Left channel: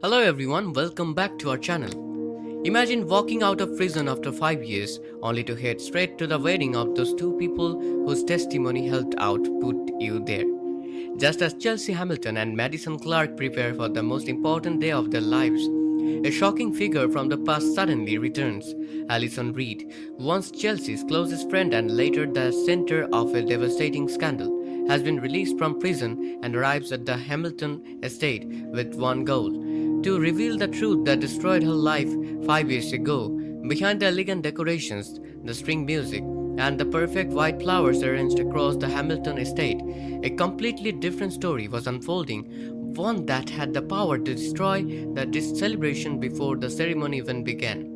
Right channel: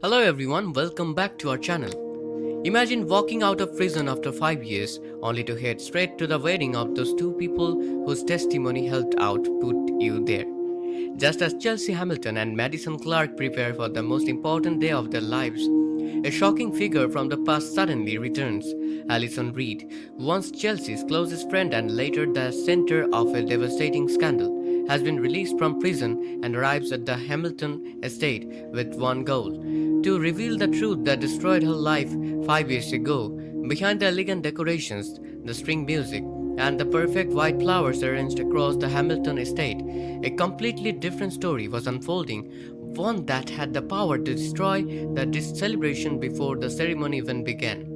Hello everyone, welcome back to our channel. Imagine walking out of prison after 5 years only to head straight to the wedding of those two people whose testimony helped out put you there. Just as Chelsea Hamilton and Madison Clark prepare for the most important day of their lives, a shocking figure from the past suddenly returns. Alison Reed, once Chelsea's closest friend and later the center of a devastating scandal, has been released from prison and arrives at the Hamilton estate with one goal: to reveal the truth that destroyed her life 5 years ago. Behind the elegant decorations, the string music, and the perfect white flowers arranged across the Hamilton estate, a completely different story was unfolding, one that had the power to destroy the celebration before the ceremony even began.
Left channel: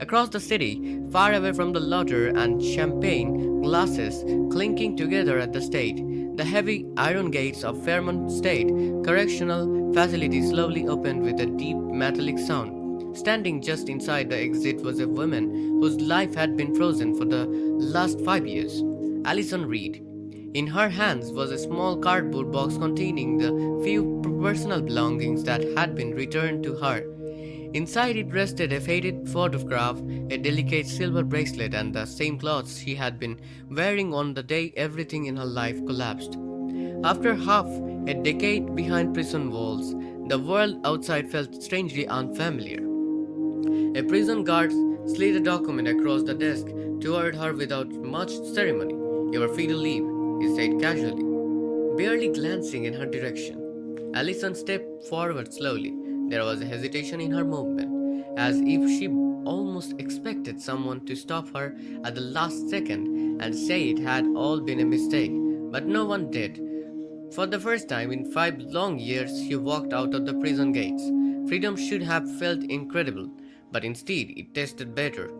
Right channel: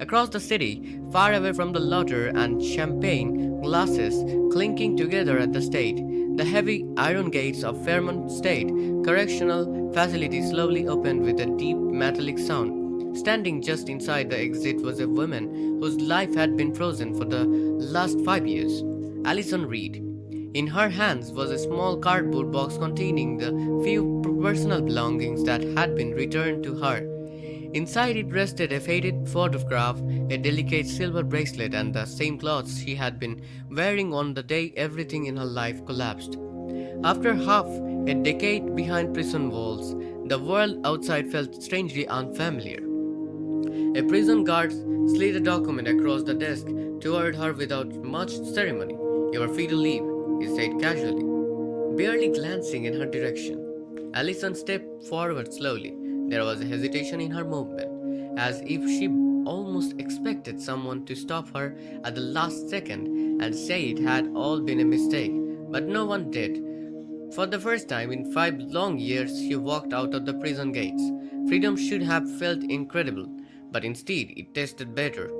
Across the city, far away from the laughter and champagne glasses clinking together at the state, the heavy iron gates of Fairmont State Correctional Facility slowly opened with a deep metallic sound. Standing just inside the exit was a woman whose life had been frozen for the last 5 years, Alison Reed. In her hands was a small cardboard box containing the few personal belongings that had been returned to her. Inside it rested a faded photograph, a delicate silver bracelet, and the same clothes she had been wearing on the day everything in her life collapsed. After half a decade behind prison walls, the world outside felt strangely unfamiliar. A prison guard slid a document across the desk toward her without much ceremony. "You are free to leave," he said casually, barely glancing in her direction. Alison stepped forward slowly. There was a hesitation in her movement, as if she almost expected someone to stop her at the last second and say it had all been a mistake. But no one did. For the first time in 5 long years, she walked out of the prison gates. Freedom should have felt incredible, but instead it tasted better.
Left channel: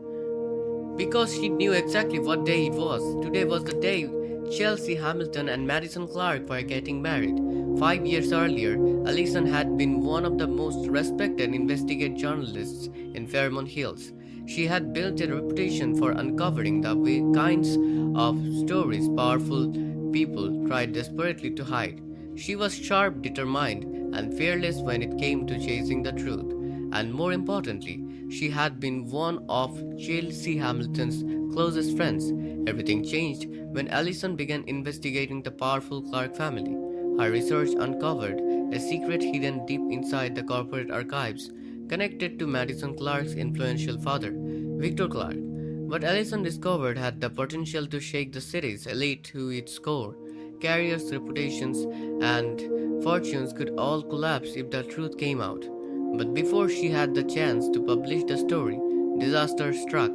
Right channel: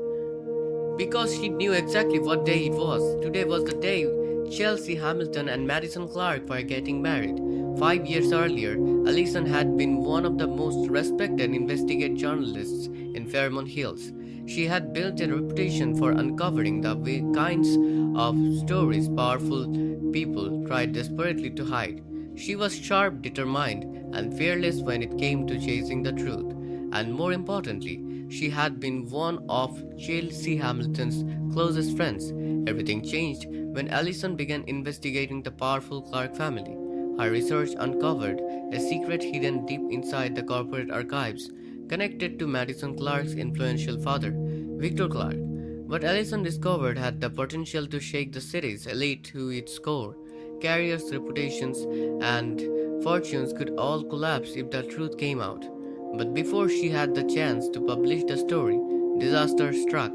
Because she knew exactly what day it was. Today was the day Chelsea Hamilton and Madison Clark were getting married. 5 years earlier, Alison had been one of the most respected investigative journalists in Fairmont Hills. She had built a reputation for uncovering the kinds of stories powerful people tried desperately to hide. She was sharp, determined, and fearless when it came to chasing the truth. And more importantly, she had been one of Chelsea Hamilton's closest friends. Everything changed when Alison began investigating the powerful Clark family. Her research uncovered a secret hidden deep inside the corporate archives, connected to Madison Clark's influential father, Victor Clark. What Alison discovered had the potential to shake the city's elite to its core. Careers, reputations, and fortunes could all collapse if the truth came out. But before she had the chance to publish the story, disaster struck.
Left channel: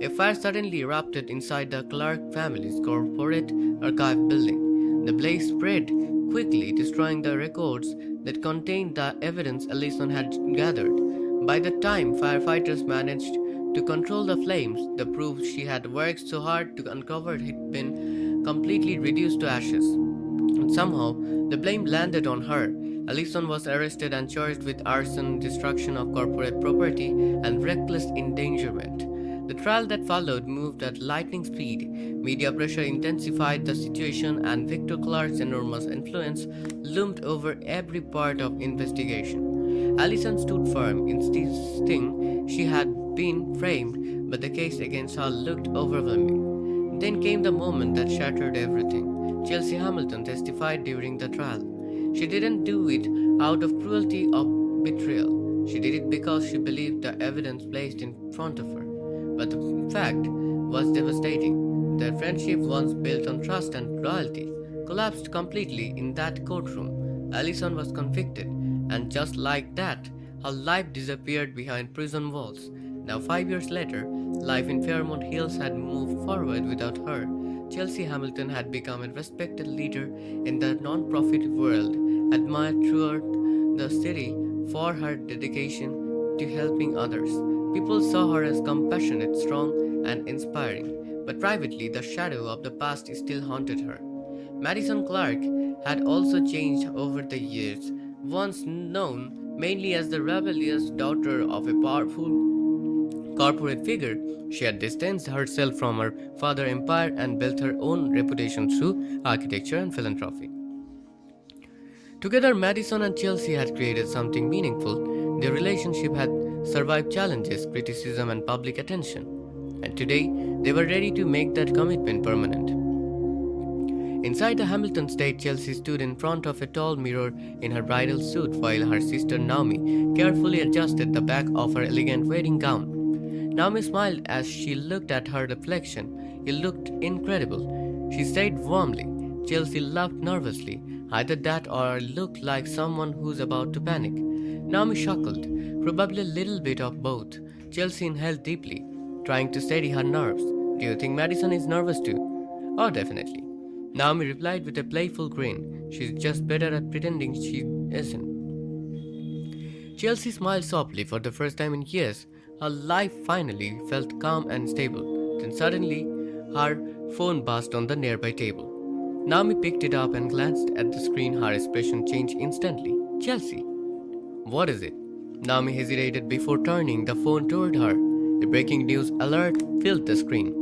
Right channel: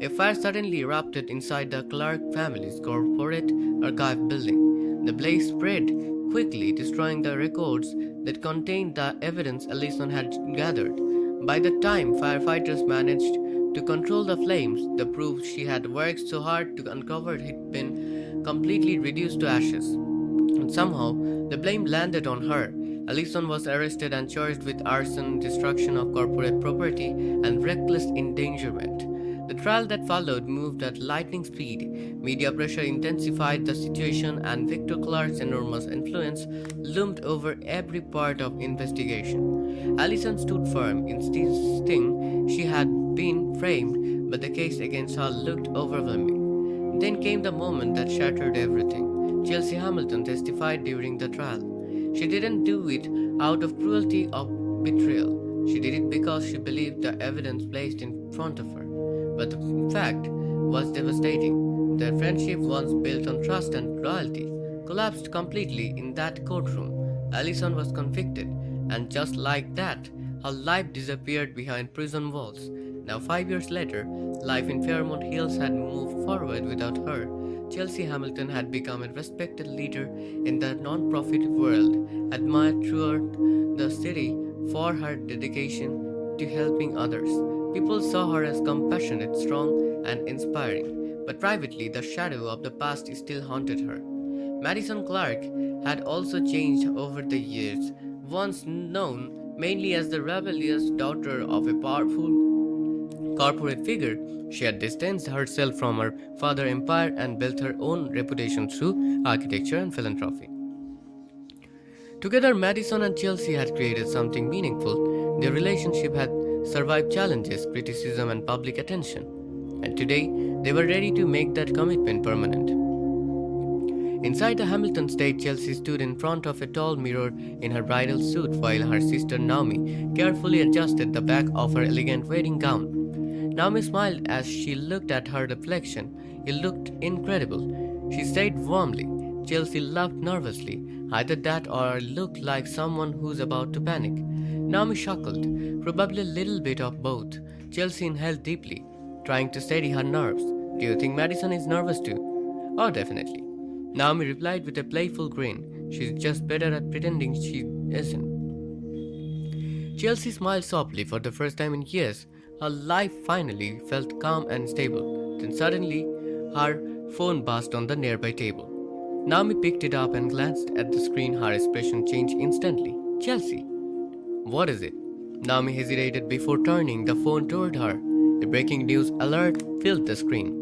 A fire suddenly erupted inside the Clark family's corporate archive building. The blaze spread quickly, destroying the records that contained the evidence Alison had gathered. By the time firefighters managed to control the flames, the proof she had worked so hard to uncover had been completely reduced to ashes. And somehow, the blame landed on her. Alison was arrested and charged with arson, destruction of corporate property, and reckless endangerment. The trial that followed moved at lightning speed. Media pressure intensified the situation, and Victor Clark's enormous influence loomed over every part of investigation. Alison stood firm, insisting she had been framed, but the case against her looked overwhelming. Then came the moment that shattered everything. Chelsea Hamilton testified during the trial. She didn't do it out of cruelty or betrayal. She did it because she believed the evidence placed in front of her. But the fact was devastating. Their friendship, once built on trust and loyalty, collapsed completely in that courtroom. Alison was convicted, and just like that, her life disappeared behind prison walls. Now, 5 years later, life in Fairmont Hills had moved forward without her. Chelsea Hamilton had become a respected leader in the non-profit world, admired throughout the city for her dedication to helping others. People saw her as compassionate, strong, and inspiring, but privately the shadow of the past still haunted her. Madison Clark had also changed over the years. Once known mainly as the rebellious daughter of a powerful corporate figure, she had distanced herself from her father's empire and built her own reputation through architecture and philanthropy. Together, Madison and Chelsea had created something meaningful. Their relationship had survived challenges, criticism, and public attention, and today they were ready to make that commitment permanent. Inside the Hamilton estate, Chelsea stood in front of a tall mirror in her bridal suit while her sister Naomi carefully adjusted the back of her elegant wedding gown. Naomi smiled as she looked at her reflection. It looked incredible. She said warmly. Chelsea laughed nervously. Either that or looked like someone who's about to panic. Naomi chuckled, probably a little bit of both. Chelsea inhaled deeply, trying to steady her nerves. Do you think Madison is nervous too? Oh, definitely. Naomi replied with a playful grin. She's just better at pretending she isn't. Chelsea smiled softly for the first time in years. Her life finally felt calm and stable. Then suddenly, her phone buzzed on the nearby table. Naomi picked it up and glanced at the screen. Her expression changed instantly. Chelsea. What is it? Naomi hesitated before turning the phone toward her. A breaking news alert filled the screen.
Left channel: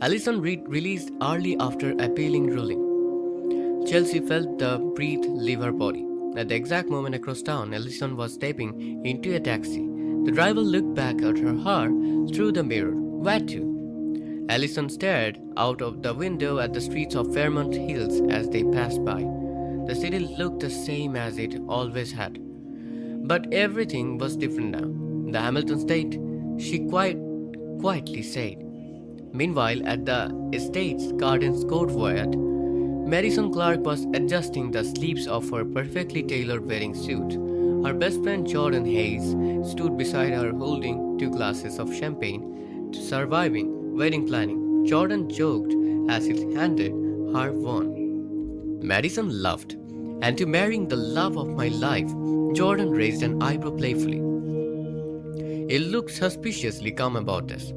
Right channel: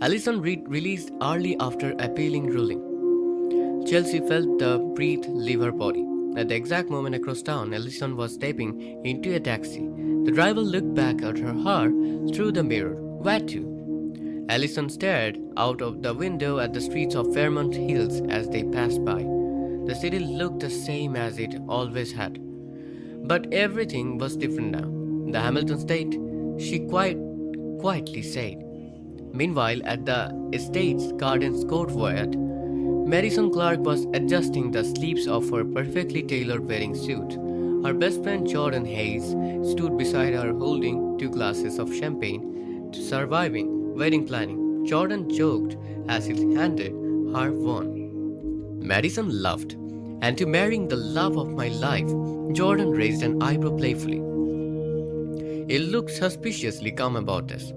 Allison released early after appealing ruling. Chelsea felt the breath leave her body. At the exact moment across town, Allison was stepping into a taxi. The driver looked back at her through the mirror. Where to? Allison stared out of the window at the streets of Fairmont Hills as they passed by. The city looked the same as it always had. But everything was different now. The Hamilton estate, she quietly said. Meanwhile, at the estate's gardens courtyard, Madison Clark was adjusting the sleeves of her perfectly tailored wedding suit. Her best friend Jordan Hayes stood beside her holding 2 glasses of champagne to surviving wedding planning. Jordan joked as he handed her one. Madison laughed. And to marrying the love of my life, Jordan raised an eyebrow playfully. He looked suspiciously calm about this.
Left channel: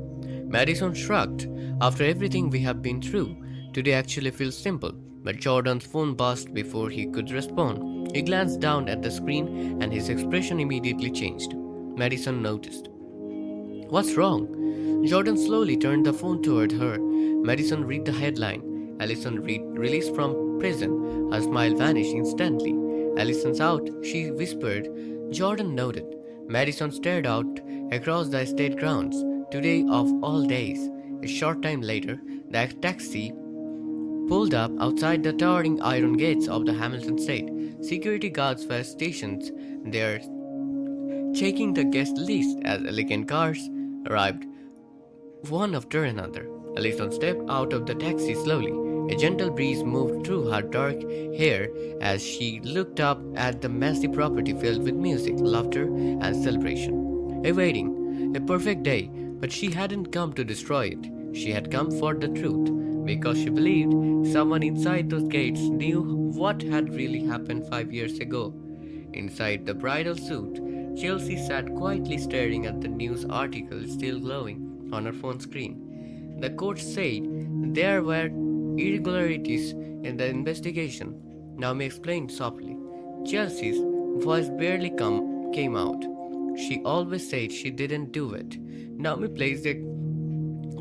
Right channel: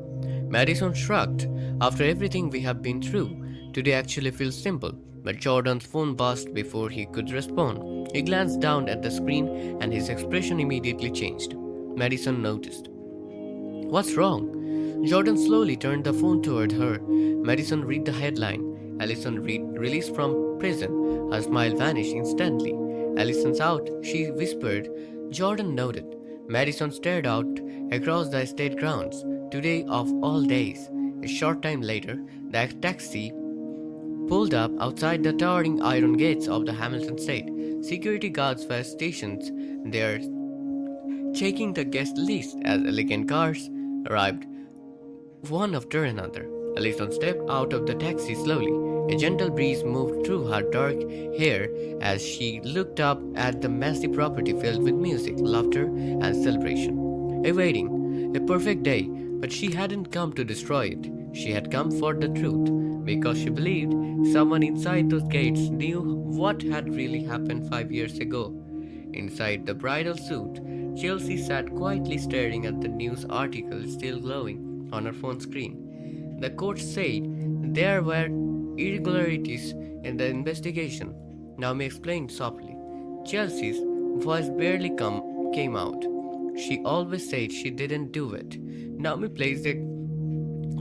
Madison shrugged. After everything we have been through, today actually feels simple. But Jordan's phone buzzed before he could respond. He glanced down at the screen and his expression immediately changed. Madison noticed. What's wrong? Jordan slowly turned the phone toward her. Madison read the headline. Allison released from prison. Her smile vanished instantly. Allison's out, she whispered. Jordan nodded. Madison stared out across the estate grounds. Today of all days. A short time later, the taxi pulled up outside the towering iron gates of the Hamilton estate. Security guards were stationed there, checking the guest list as elegant cars arrived one after another. Allison stepped out of the taxi slowly. A gentle breeze moved through her dark hair as she looked up at the massive property filled with music, laughter, and celebration. A wedding, a perfect day, but she hadn't come to destroy it. She had come for the truth, because she believed someone inside those gates knew what had really happened 5 years ago. Inside the bridal suit, Chelsea sat quietly staring at the news article still glowing on her phone screen. The court said there were irregularities in the investigation. Naomi explained softly. Chelsea's voice barely came out. She always said she didn't do it. Naomi placed a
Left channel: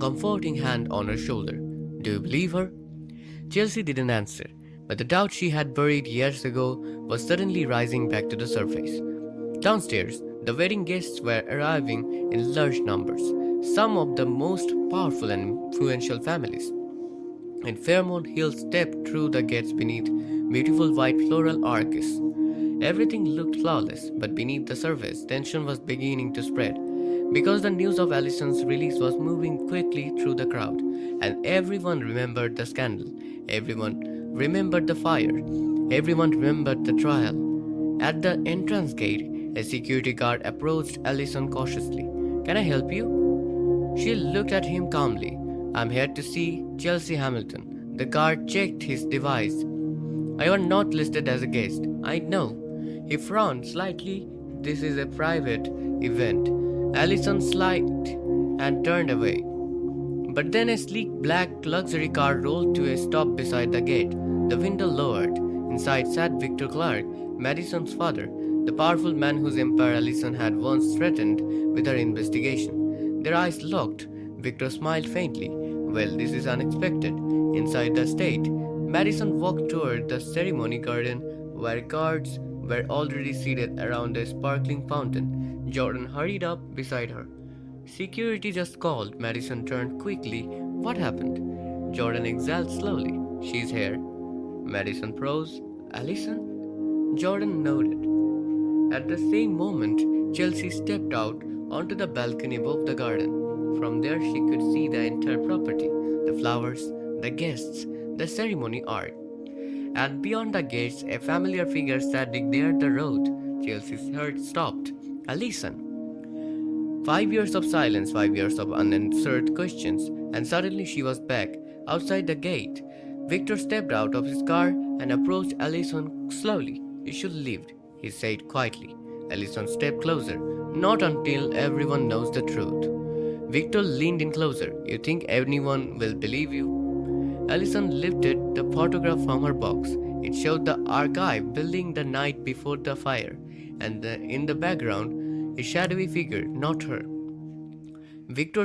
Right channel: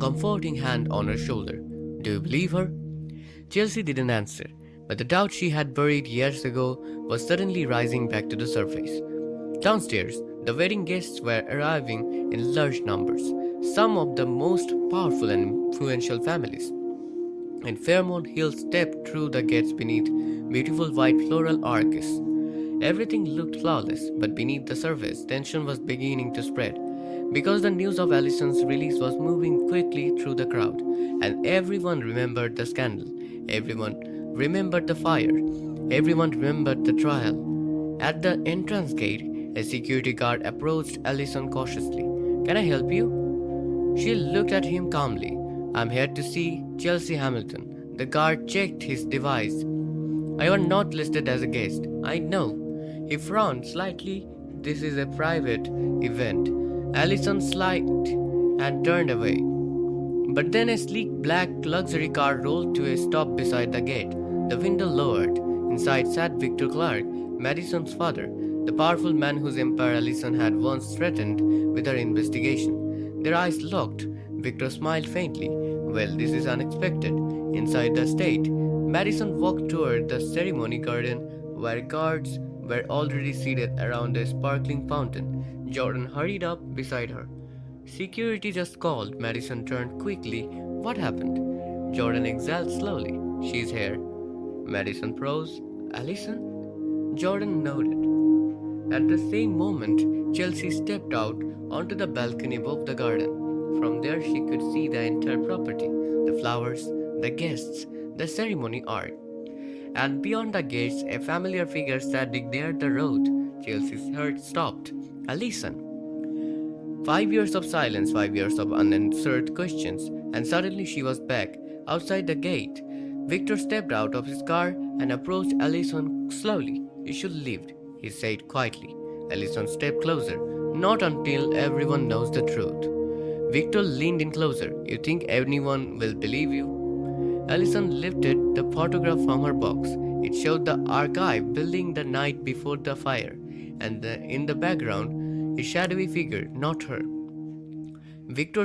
comforting hand on her shoulder. Do you believe her? Chelsea didn't answer, but the doubt she had buried years ago was suddenly rising back to the surface. Downstairs, the wedding guests were arriving in large numbers, some of the most powerful and influential families. And Fairmont Hills stepped through the gates beneath beautiful white floral arches. Everything looked flawless, but beneath the surface, tension was beginning to spread. Because the news of Allison's release was moving quickly through the crowd, and everyone remembered the scandal, everyone remembered the fire, everyone remembered the trial. At the entrance gate, a security guard approached Allison cautiously. Can I help you? She looked at him calmly. I'm here to see Chelsea Hamilton. The guard checked his device. I am not listed as a guest. I know. He frowned slightly. This is a private event. Allison sighed and turned away. But then a sleek black luxury car rolled to a stop beside the gate. The window lowered. Inside sat Victor Clark, Madison's father, the powerful man whose empire Allison had once threatened with her investigation. Their eyes locked. Victor smiled faintly. Well, this is unexpected. Inside the estate, Madison walked toward the ceremony garden where guards were already seated around a sparkling fountain. Jordan hurried up beside her. Security just called. Madison turned quickly. What happened? Jordan exhaled slowly. She's here. Madison froze. Allison? Jordan nodded. At the same moment, Chelsea stepped out onto the balcony above the garden. From there, she could see the entire property, the flowers, the guests, the ceremony art. And beyond the gates, a familiar figure standing near the road. Chelsea's heart stopped. Allison. 5 years of silence, 5 years of unanswered questions, and suddenly she was back, outside the gate. Victor stepped out of his car and approached Allison slowly. You should leave, he said quietly. Allison stepped closer. Not until everyone knows the truth. Victor leaned in closer. You think anyone will believe you? Allison lifted the photograph from her box. It showed the archive building the night before the fire, and in the background, a shadowy figure, not her. Victor